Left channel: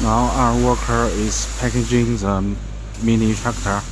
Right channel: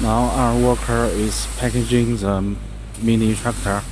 Now our worker is packaging the mini tractor.